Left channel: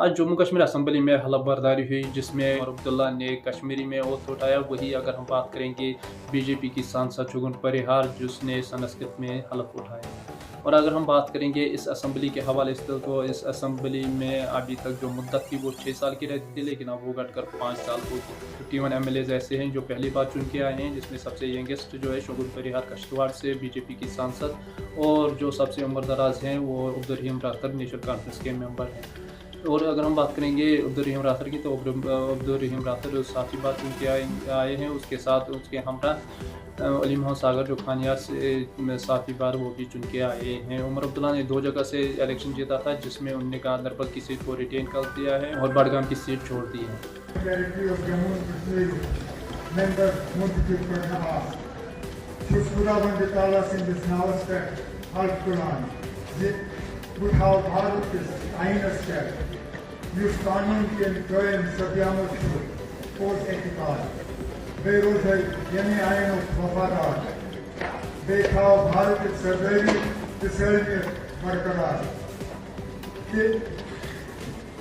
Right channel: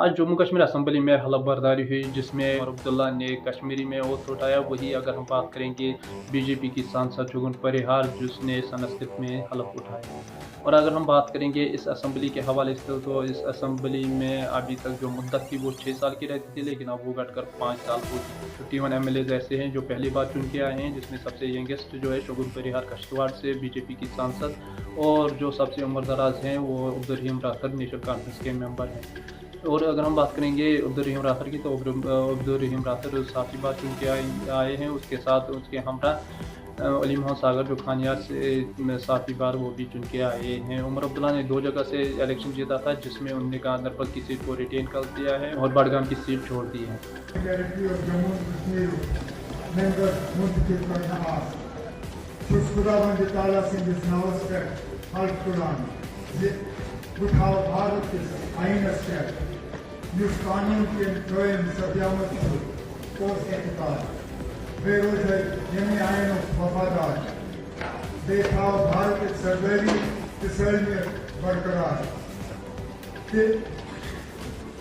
आज जम्मू कश्मीर असम्बली में हलफ बर्दारी हुई जिसमें उमर अब्दुल्ला ने कश्मीरी में ओथ उठाया। वही अगर हम बात करेंगे बीजेपी की सांसद शुगुन परिहार जिसने संस्कृत में हलफ उठाया। और अगर हम बात करेंगे इस असम्बली के हवाले से तो इस असम्बली में अभी तक जो मुद्दत थी वो 6 साल की रहती थी, लेकिन अब वो घटकर 5 साल होगी। 51 एमएलएज ऐसे हैं जो पहली बार चुन के आए हैं, जिसमें सबसे यंगेस्ट जो है शुगुन परिहार कश्तवाड़ से बीजेपी की सांसद, और जो सबसे उम्र दराज हैं वो अब्दुर्रहीम राथर नेशनल कॉन्फ्रेंस के मेंबर हैं। और अगर हम बात करेंगे अब्दुर्रहीम राथर की तो अब्दुर्रहीम राथर 7वीं बार चुन के आए हैं। उसके साथ उसके हमरा अली मोहम्मद सागर जो खानियार से 7वीं बार वो भी चुन के आए हैं। उमर अब्दुल्ला ने 2 जगह से इलेक्शन जीता था, जिसमें उन्होंने गांधरबल की सीट को रिटेन कर दिया है और बडगाम की सीट छोड़ दी है। बेरोजगार यमी आयन वफादार बेखाव भारत सरदारी बरकरार के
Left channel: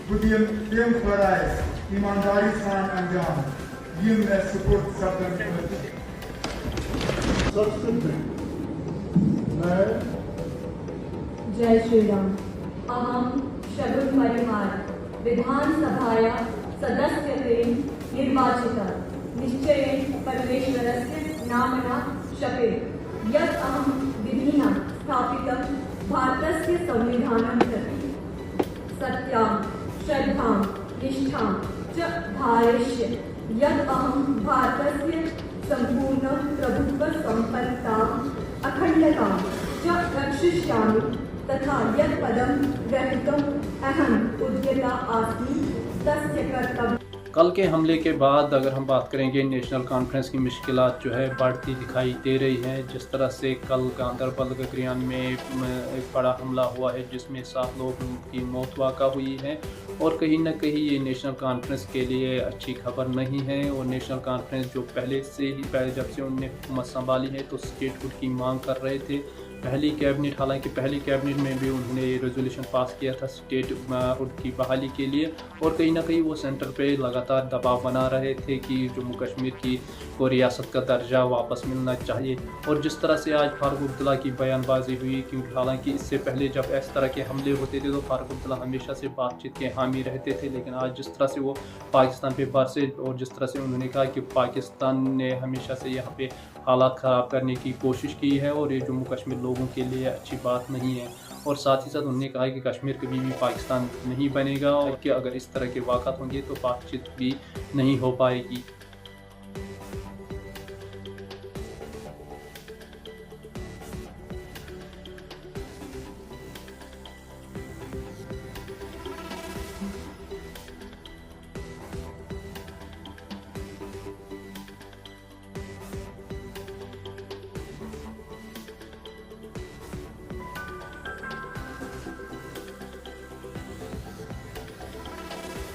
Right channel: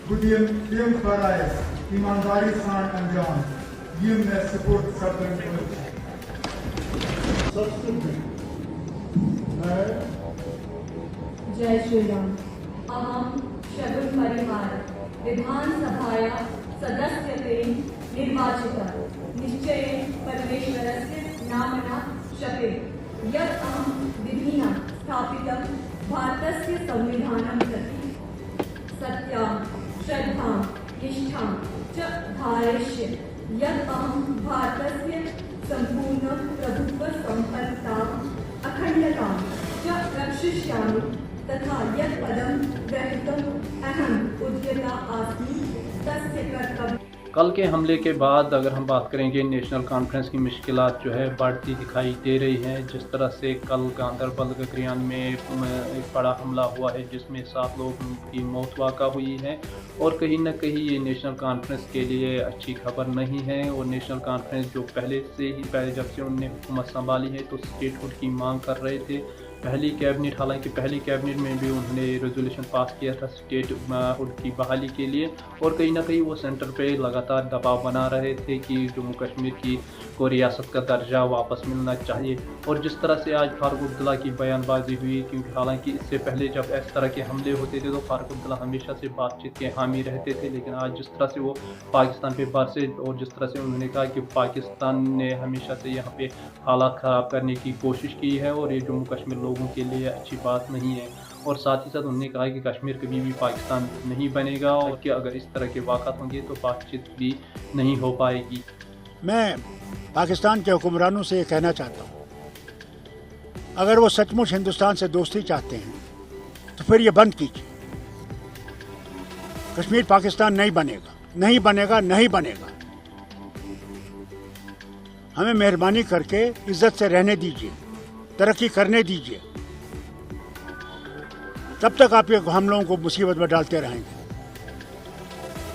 बुदियम टीम फराइज ईमानदारी सान अंजाम यम ने सपोर्ट सपन जय श्री राम। अहम शुगुन परिहार विधानसभाया सदस्यत्वेन निर्वाचिता निश्चयेन परमेश्वरस्य नाम्ना शपे यत् अहं विधिना स्थापितं भारतस्य संविधानं प्रति सत्यां श्रद्धां निष्ठां च धारयिष्ये यत् अहं भारतस्य सम्पूर्ण प्रभुत्वसम्पन्नताम् अखण्डतां च रक्षयिष्यामि तथा यत् पदं ग्रहीतुम् अहम् उद्यता अस्मि तस्य कर्तव्यम्। कल के हमले के बाद अगर हम बात करेंगे नेशनल कॉन्फ्रेंस की मुश्किलात जो है बढ़ती दिखाई दे रही हैं। जिस तरह से कल गांधरबल गगरियान में एक बड़ा हमला हुआ है जिसमें 7 लोगों की मौत वाक़ा हुई है, और कहीं ना कहीं ये नेशनल कॉन्फ्रेंस के लिए अच्छी खबर नहीं है। और नेशनल कॉन्फ्रेंस जो पहले जब से उन्होंने हुकूमत संभाली है तो स्टेटहुड की मांग कर रहे थे। हालांकि पहली कैबिनेट में भी उन्होंने रेजोल्यूशन पास किया था स्टेटहुड की बहाली के लिए, और कहीं ना कहीं वो सेंटर पे लगातार दबाव बना रहे थे कि जम्मू कश्मीर को रियासत का दर्जा वापस मिलना चाहिए। और जिस तरह से आज फारूक अब्दुल्ला की बयानबाजी हुई, क्योंकि हालांकि इससे पहले जब इस तरह के हमले होते थे तो फारूक अब्दुल्ला हमेशा से बातचीत के हामी रहते थे, लेकिन आज जिस तरह से वो पाकिस्तान पे बरसे और जिस तरह से उन्होंने कहा कि पाकिस्तान ने हमेशा से यहाँ पे हालात ख़राब करने की कोशिश की है और ये जम्मू कश्मीर लोगों के लिए अच्छी बात नहीं है। और साथ ही साथ उन्होंने कहा कि कश्मीर कभी भी पाकिस्तान नहीं बनेगा और कि अगर इस तरह के वाक़ात होंगे तो बातचीत भी नहीं हो पाएगी। मैं पाकिस्तान के हुक्मरानों से ये कहना चाहता हूँ, अगर वो सचमुच हिंदुस्तान से दोस्ती चाहते हैं तो फिर ये बंद कीजिए। कश्मीर पाकिस्तान नहीं बनेगा, नहीं बनेगा, नहीं बनेगा। हमें मेहरबानी करके इज्जत से रहने दीजिए, तरक्की करने दीजिए। तब तक आप ये हम लोगों को मुसीबत में डालते रहेंगे।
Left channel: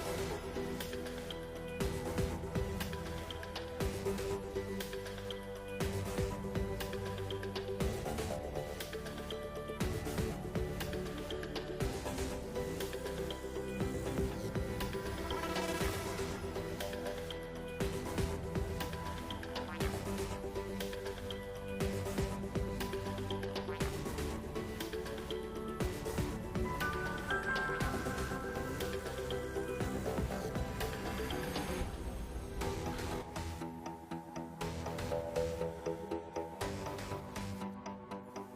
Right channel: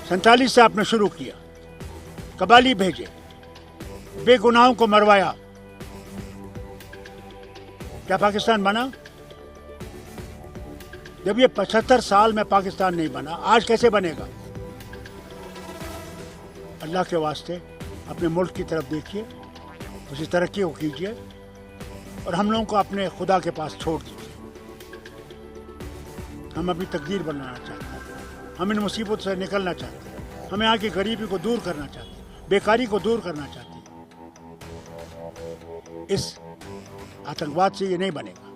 47 से आपने शुरू किया, कबाली भेजे, बेगुनाहों को मरवाया, क्या पाकिस्तान बना? जब ये 75 साल में पाकिस्तान नहीं बना, आज कैसे बनेगा? अल्लाह के वास्ते अपने मुल्क की तरफ देखिए, उसी तरक्की को कीजिए और हम लोगों को अपने खुदा के पास छोड़ दीजिए। हम अपनी तकदीर बनाना चाहते हैं, हम इन मुसीबत से निकलना चाहते हैं, हमें यहाँ की गरीबी को दूर करना चाहते हैं, बेकारी को दूर करना चाहते हैं। इस आतंकवाद से ये नहीं बनेगा।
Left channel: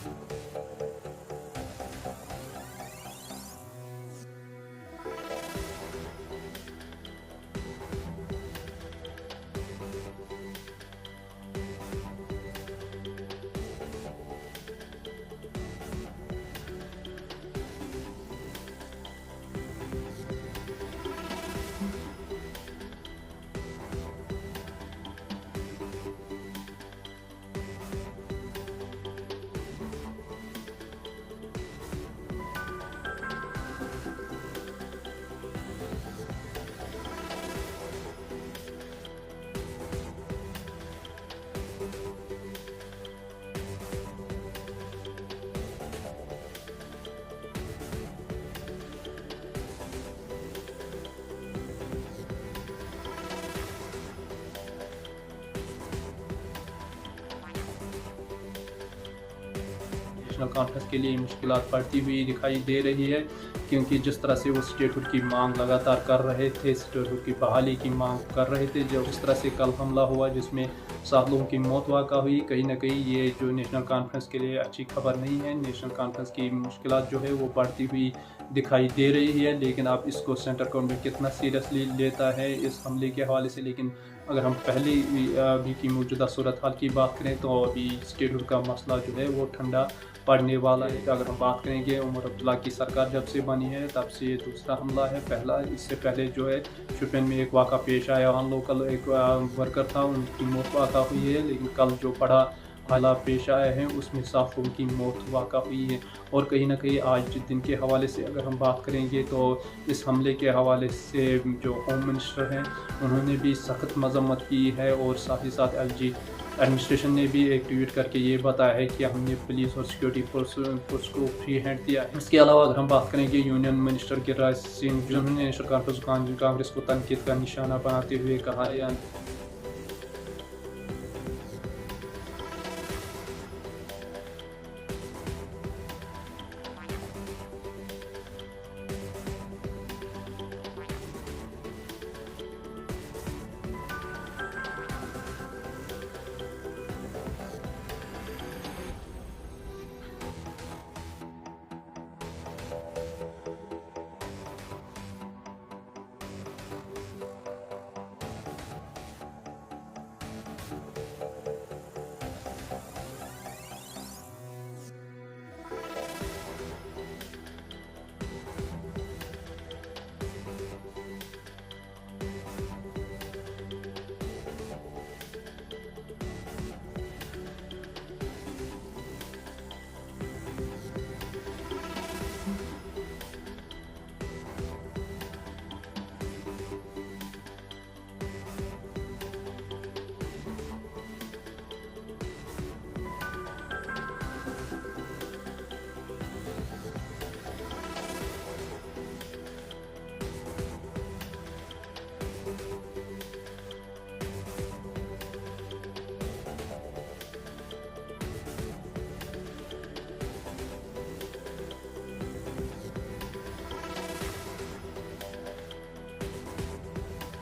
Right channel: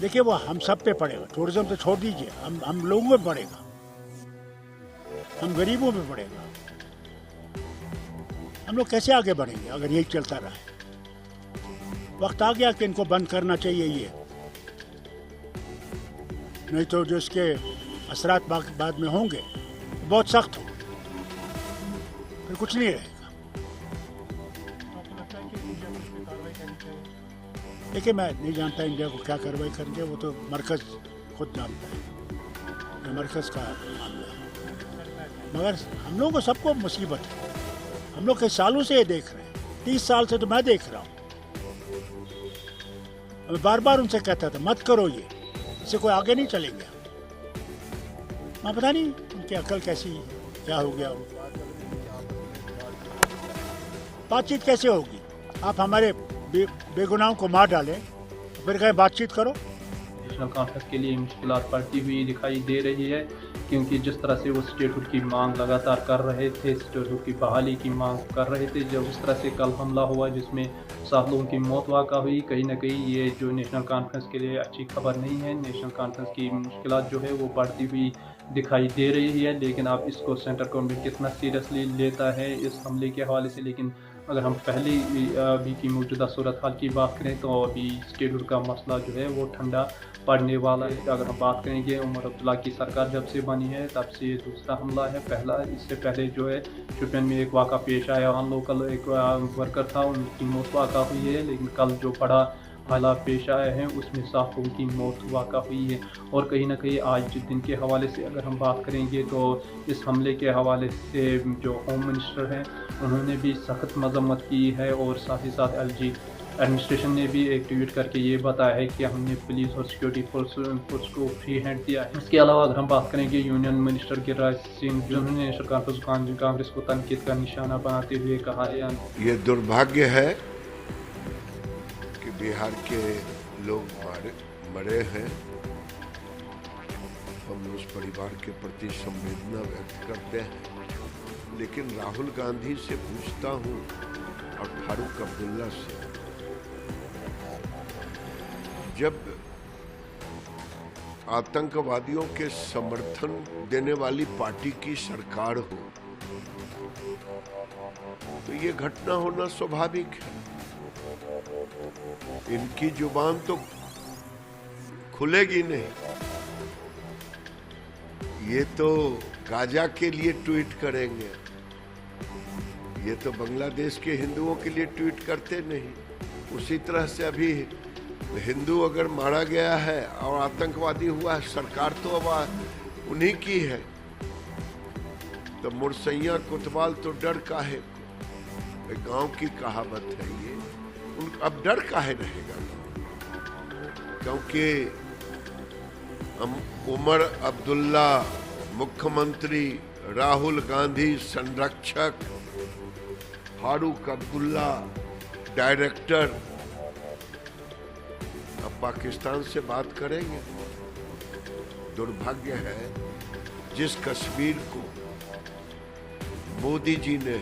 देखिए वो हम सब पे पड़ेगा, टूरिज्म तो छोड़ दीजिए, हम लोगों पे पड़ेगा, हम गरीबों पे पड़ेगा। हम लोग कैसे आगे बढ़ेंगे अगर यही चलता रहा? वक्त आ गया कि इनको बंद करना चाहिए ये, नहीं तो जो इसके असरात बाद में होंगे बहुत सख्त हो, फिर कुछ नहीं रहेगा। देखिए मैं नहीं जानता इंडिया को क्या कार्रवाई करेंगे, वो तो मरकज खुद जानता है, मरकज का मामला है। मगर हम लोगों को सबको मुसीबत है, हम लोग कई सालों से ये देख रहे हैं, 30 साल से तो मैं देख रहा हूँ। मैं बार बार उनसे कहता था मत करो ये, इससे कोई आगे नहीं चलेंगे। मैं पता नहीं उनकी अकल कैसी है, क्या हो गया उनको। बातचीत कैसे होगी? आप हमारे बेगुनाहों को मार डालें, फिर कहें बातचीत करो। नेशनल कॉन्फ्रेंस के लिए मुश्किलात बढ़ती हुई दिखाई दे रही है, क्योंकि जिस तरह से वो स्टेटहुड की मांग लगातार कर रहे थे, स्टेटहुड की बहाली की मांग कर रहे थे, जब इस तरह से कल हमला हुआ जिसमें 7 लोगों की मौत वाक़ा हुई, कहीं ना कहीं ये जो नेशनल कॉन्फ्रेंस के लिए अच्छी खबर नहीं है। नेशनल कॉन्फ्रेंस की मुश्किलात जो है वो बढ़ती हुई दिखाई दे रही है, लेकिन आप इसको सेंट्रल गवर्नमेंट कितना सीरियसली लेता है इस हमले के हवाले से। लेकिन अगर हम पहले अभी की मौजूदा सूरत हाल की बात करें तो अभी स्टेटहुड का मसला जो है वो ठंडा पड़ने वाला है। अगर हम बात करेंगे उमर अब्दुल्ला की सरकार जब से बनी है तब से ये दूसरा हमला है। पहला इससे पहले जो है शोपियान में एक वाक़ा पेश आया, वहाँ लोकल एक वर्कर था, उनकी मौत वाक़ा हुई है। लेकिन कल जो बड़ा हालात पेश आए हैं उसमें 7 लोगों की मौत वाक़ा हुई है। और कहीं ना कहीं आज दिन के हवाले से अगर हम बात करेंगे तो इस हमले के हवाले से जो होम मिनिस्टर हैं उन्होंने भी सख्त मजम्मत की है, और साथ ही साथ LG एडमिनिस्ट्रेशन ने भी एक ट्वीट करके ये बताया है कि हमने पुलिस और सिक्योरिटी फोर्स को फ्री हैंड दिया है। इसके अलावा अगर हम बात करेंगे यूनियन मिनिस्टर गिरिराज सिंह, जिन्होंने नेशनल कांग्रेस को तनकीद का निशाना बनाते हुए कहा है, ये दुर्भाग्य है कि बिहार के लोग मरे हैं। हम उस परिवार के प्रति संवेदना व्यक्त करते हैं, लेकिन राहुल गांधी से पूछता हूँ और फारूक अब्दुल्ला से, जब आतंकवादियों के समर्थन देने वाली पार्टी की सरकार हो तो ये घटना होना स्वाभाविक है। इनकी जुबान तो खुलेगी नहीं, ये तो गाजा के लिए ट्वीट करेंगे, ये तो बांग्लादेश के हिंदुओं के लिए ट्वीट करते नहीं। उसी तरह से अभी हिंदू अगर मारा गया है और आतंकवादी हुआ है, सरकार तो अब उन्हीं की है, तो मुरसैया कोतवाल तो डर काहे, गांव की कहावत है ये, अब डर काहे रहेगा, क्योंकि हम उमर अब्दुल्ला मुख्यमंत्री, राहुल गांधी संरक्षक, फारूक अब्दुल्ला डायरेक्टर, अब पाकिस्तान से बात करेंगे। दुर्भाग्य है जिस कश्मीर को मोदी जी ने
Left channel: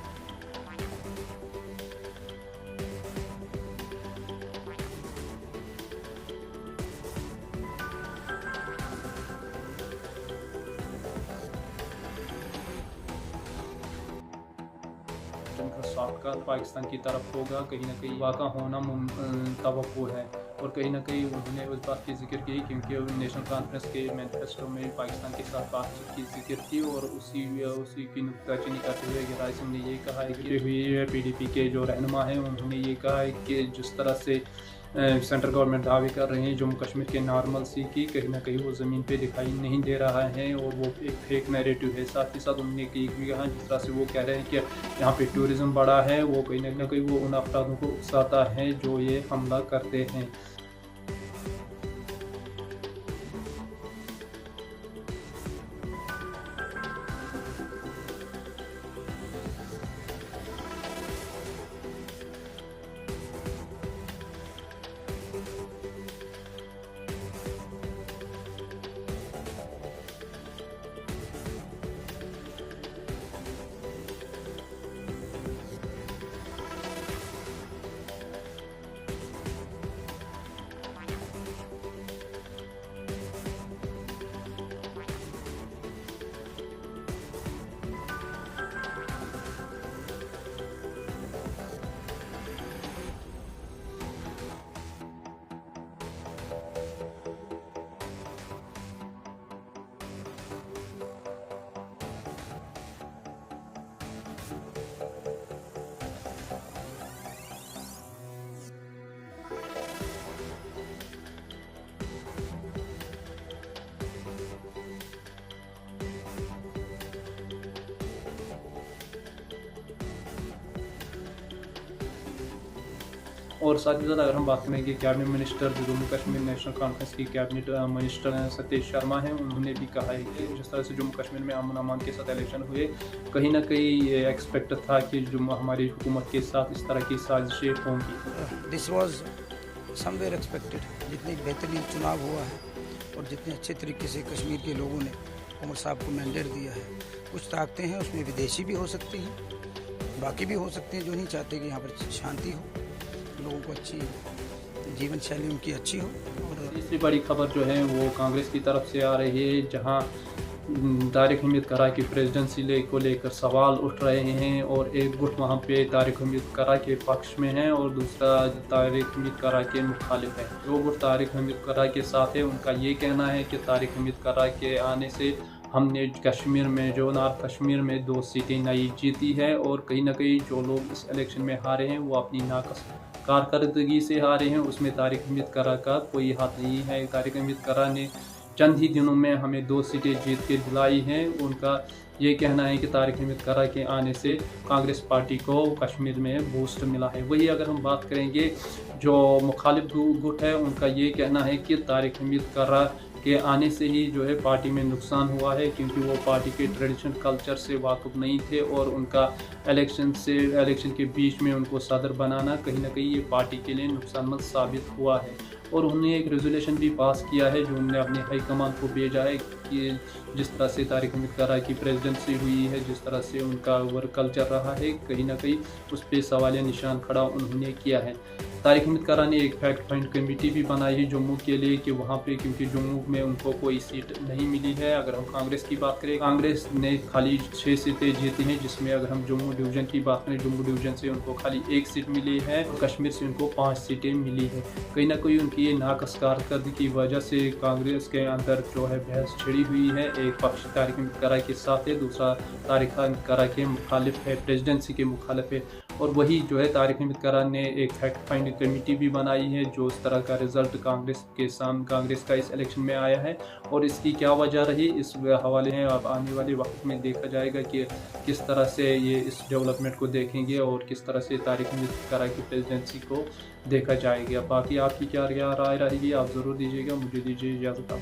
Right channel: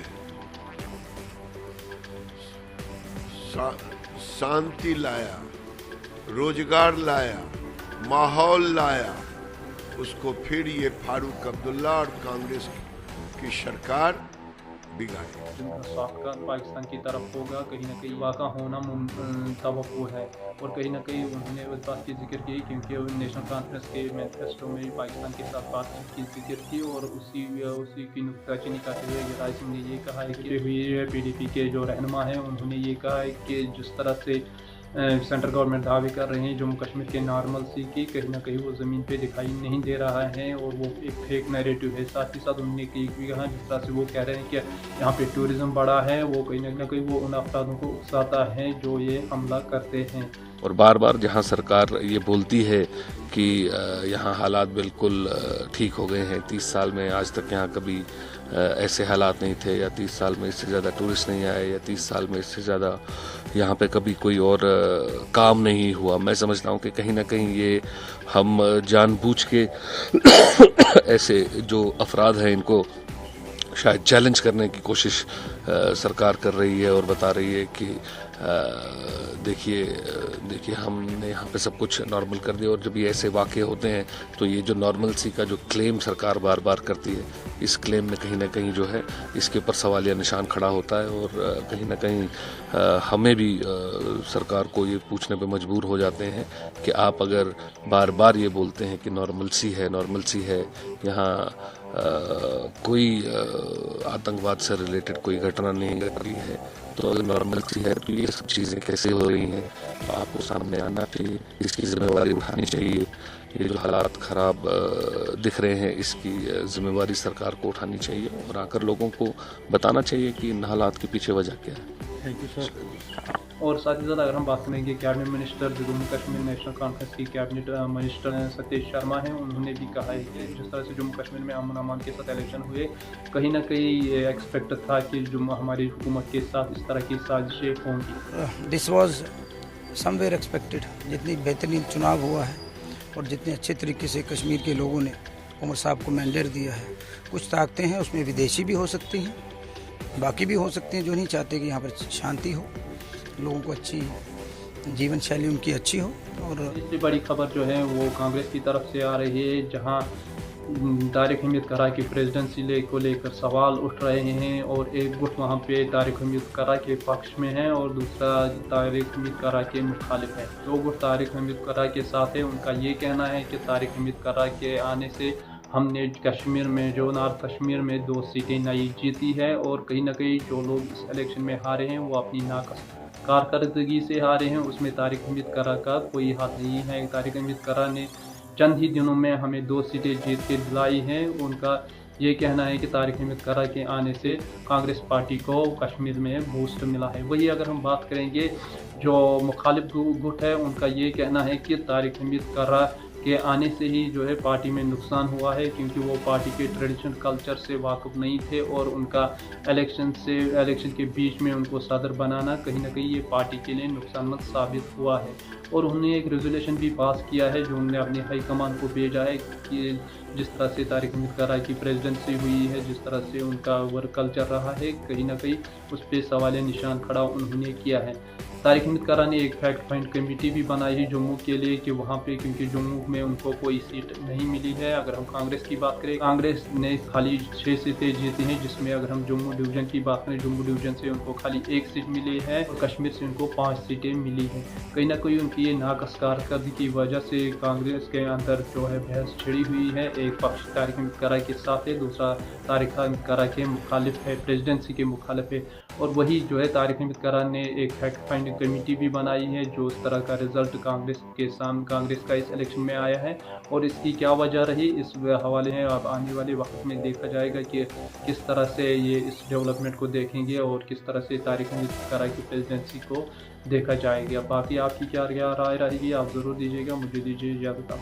शांति लाया, रोजगार लाया, माहौल लाया, उसको फिर ये फारूक अब्दुल्ला और कांग्रेस की सरकार बिगाड़ी। जिनका साख्त पाकिस्तान की तरफ होगा, कहीं ना कहीं वाक़ा होना तवक्को है। और कहीं ना कहीं उन्होंने उस बात की जिक्र की, क्योंकि नेशनल कॉन्फ्रेंस के मैनिफेस्टो में पाकिस्तान के साथ बातचीत की जिक्र की, और उसी की नुक्ताचीनी करते हुए गिरिराज सिंह ने ये कहा है कि हुई है PDP के जो रहनुमा हैं उन्होंने ये कहा है कि जिस तरह से सेंट्रल गवर्नमेंट दावे कर रहे हैं जम्मू कश्मीर के नॉर्मल सी की, कहीं ना कहीं वो ज़मीन पे दिखाई नहीं दे रहा है, और वो एक फेक नैरेटिव है। साथ ही साथ उन्होंने एक भी कहा जिस तरह से वो कह रहे हैं कि यहाँ पे टूरिज़्म बढ़ा है, वो कहीं ना कहीं वो उन अफरादों को उकसाता है जो ये हमला करते हैं। और बार बार जहाँ सरकार ये बोलती है कि यहाँ हालात बिल्कुल ठीक हो गए हैं, 30 साल में आज तक यहाँ कभी ऐसे हालात नहीं थे, या 30 साल में इससे ज़्यादा टूरिस्ट नहीं आए, या 30 साल में इससे ज़्यादा यहाँ पे कभी कोई और काम नहीं हुआ। मैं समझता हूँ कि कहीं ना कहीं ये हम जानबूझ के ऐसे जो अफराद हैं इनको शायद चैलेंज करने की कोशिश सरकार कर रही है, और बता रही है कि देखिए हमने यहाँ पे सब कुछ नॉर्मल कर दिया। और जब ये ऐसे वाक़े होते हैं तो ये जो नॉर्मलसी का जो क्लेम सरकार बार बार करती है, इस क्लेम में कहीं ना कहीं जो है इसके ऊपर सवालिया निशान खड़ा होता है, और कहीं ना कहीं हमें भी सरकार को ये पूछने पे मजबूर हो जाते हैं कि आप अगर बार बार ये बोलते हैं कि नॉर्मलसी है, यहाँ कोई आतंकवाद से रिलेटेड कोई घटना नहीं घट रही है, तो अगर नॉर्मलसी है तो ये सब चीज़ें कैसे हो रही हैं, आपको सामने आना चाहिए, इसकी जिम्मेवारी उठानी चाहिए। ये जो हालात ख़राब दिख रहे हैं इसकी जिम्मेवारी सरकार को उठानी चाहिए, और आकर लोगों को बताना चाहिए कि इन हालात के पीछे वजह क्या है। Thank you sir. और साथ ही साथ अगर हम बात करेंगे कैबिनेट मिनिस्टर जो जम्मू कश्मीर नेशनल कॉन्फ्रेंस की कैबिनेट मिनिस्टर सतीश शर्मा हैं, उन्होंने भी कहा है कि जिस तरह से जम्मू कश्मीर में अमन अमान के साथ इलेक्शन हुए, कहीं ना कहीं एक्सपेक्ट था कि जम्मू हमारी हुकूमत के साथ इस तरह की साजिशें होंगी। This was somewhere expected. जितनी बेहतरीन चुनाव हुआ है और जितने अच्छे तरीके से कश्मीर के लोगों ने उमर साहब को मैंडेट दिया है, कुछ ताकतें हैं उसमें विदेशी भी हो सकती हैं, बाकी भी हो सकते हैं जो नहीं चाहते कि यहाँ पर शांति हो, लोगों को अच्छी जीवन शैली उनकी अच्छी हो। और तीसरी बड़ी खबर जो है वो कांग्रेस की तरफ से आ रही है, जहां तारिक हमीद करा की प्रेसिडेंसी को लेकर सवाल उठ रहे हैं और एक गुट वहां पे तारिक हमीद करा के पक्ष में है और दूसरा तारिक हमीद करा के मुखालिफ है। जो गुट तारिक हमीद करा के साथ है उनका ये कहना है कि तारिक हमीद करा के आने से हमने कश्मीर में जो नॉर्थ कश्मीर में 2 सीटें नई जीती है और कहीं ना कहीं जो लोग इस इलेक्शन में हारे हैं वो अपनी नाकस कारकर्दगी से हारे हैं, उसमें तारिक हमीद करा का कोई हाथ नहीं है। तारिक हमीद करा ने चंद ही दिनों में हमें 2 सीटें जीत के दिलाई हैं। उनका ये कहना है कि तारिक हमीद करा के आने से कांग्रेस पार्टी को कश्मीर में बूस्ट मिला है। वही अगर हम बात करेंगे जो मुखालिफ गुट है, उनका ये कहना है कि तारिक हमीद करा के आने से ही जो है पार्टी में नुकसान हुआ है, क्योंकि वो पार्टी के ट्रेडिशनल कल्चर से वाकिफ़ नहीं थे और उनका इलेक्शन के बीच में उनको सदर बनाना कहीं ना कहीं ये पार्टी के लिए नुकसानमंद साबित हुआ है। और उन्होंने एक रेजोल्यूशन भी पास किया है जो उन्होंने अपने हाई कमान को भेजा है कि जिस तरह से तारिक हमीद करा की प्रेसिडेंसी हुई है, जिस तरह से उनका वर्क कल्चर रहा है, कहीं ना कहीं उस पर सवालिया निशान खड़ा उन्होंने किया है। तारिक हमीद करा ने एक फैक्ट फाइंड कमेटी भी बनाई है जम्मू के लिए कि वहाँ पे, क्योंकि जम्मू में उनको कोई सीट नहीं मिली है। अगर हम कांग्रेस की बात करें, कांग्रेस ने खाली 6 सीटें जीती हैं, जिसमें अगर हम जम्मू डिवीज़न की बात करें, जम्मू डिवीज़न से उनको खाली 1 सीट मिली है और कश्मीर से उनको 5 सीटें मिली है। कहीं ना कहीं उनकी ये नाकस कारकर्दगी की वजह से कांग्रेस के अंदर जो है बहस छिड़ी हुई है। एक पक्ष तारिक हमीद करा के साथ है, दूसरा तारिक हमीद करा के मुखालिफ है, प्रेसिडेंसी के मुखालिफ है। और वही जो है तारिक हमीद करा ने एक फैक्ट फाइंडिंग कमेटी भी बनाई है जो इस तरह का रिजल्ट कांग्रेस का इस इलेक्शन में आया है और इसकी क्या वजह रही, इस हवाले हैं अब आने वाले वक्त में देखा जाएगा कि किस तरह से ये इस डेवलपमेंट को देखेंगे और किस तरह से तारिक हमीद करा की प्रेसिडेंसी को देखा जाएगा। बाकी आपकी क्या राय रहेगी आप ज़रूर दीजिएगा। मुझे दीजिए इजाज़त।